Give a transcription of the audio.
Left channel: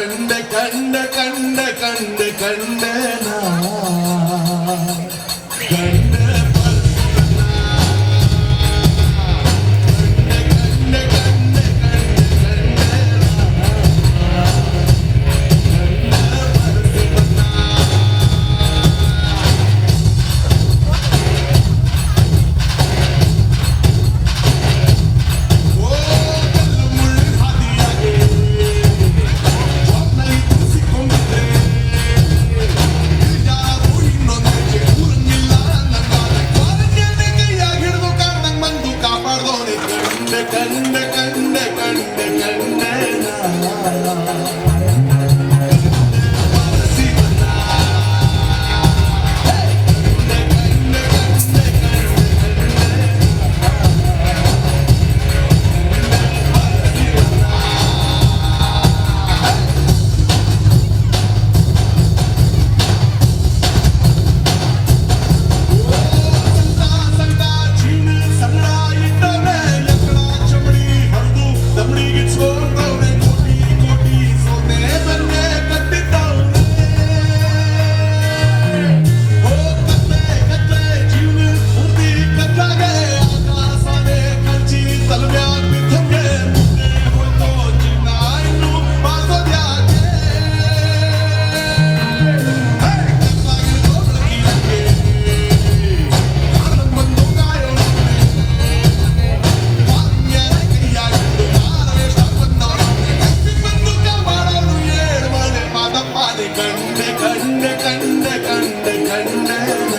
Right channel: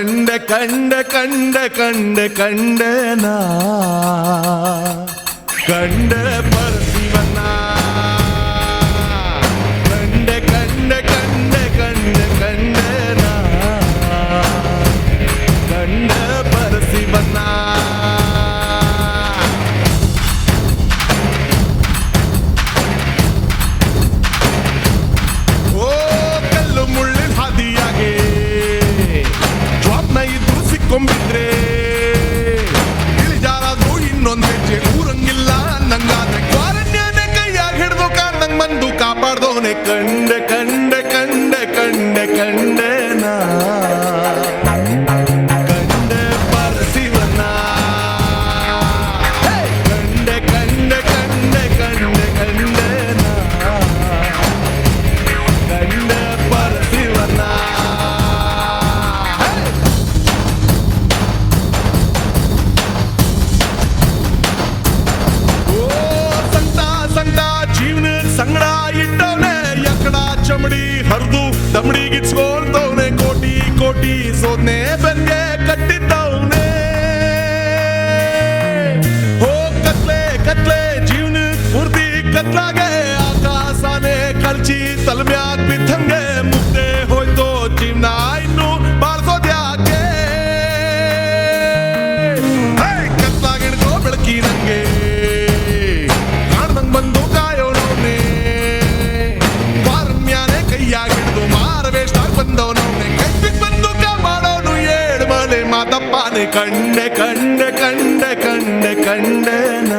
ಕಂಡ ಕಂಡ ಕಂಡ ಕಂಡ ಕಂಡನ ಕಂಡ ಪರಶಿವನ ಕಂಡ ಕಂಡ ಕಂಡ ಕಂಡ ಕಂಡನ ಕಂಡ ಪರಶಿವನ ಕಂಡ ಕಂಡ ಕಂಡ ಕಂಡ ಕಂಡನ ಕಂಡ ಪರಶಿವನ ಕಂಡ ಕಂಡ ಕಂಡ ಕಂಡ ಕಂಡನ ಕಂಡ ಪರಶಿವನ ಓ ಸಂತ ಸಂತ ಜೀವನ ಸಂಗಡ ಇಟ್ಟವನೇ ಚಮಡಿ ಹರಿದು ದಮಡಿಗೆ ಸೋಲ್ದವನೆ ಕೋಟಿ ಕೋಟಿ ಸೋನೆ ಬೆನ್ಗೆ ಕಟ್ಟಿದ್ದವನೆ ಹೋ ಕತ್ಲೆ ಕತ್ಲೆ ಜೀವನ ಪೂರ್ತಿ ಕತ್ಲಾಗೆ ಆಕಾಶನೇ ಕಲ್ಚಿ ತಲೆಮ್ಯಾಗ ಬಿದ್ದಂಗೆ ಮುದ್ದೆ ಹೋಯ್ತೋ ಜೀವನ ಇನ್ನು ಬಾಸೋದ್ಯಾಕೆ ಕತ್ಲಾಗಿಡ್ದೋ ಬೆಳಕಿನಂಗೆ ಕಾಣಂಗ್ ಬಂದು ಕಾಯೋರವನೇ ಕಂಡ ಕಂಡ ಕಂಡ ಕಂಡ ಕಂಡನ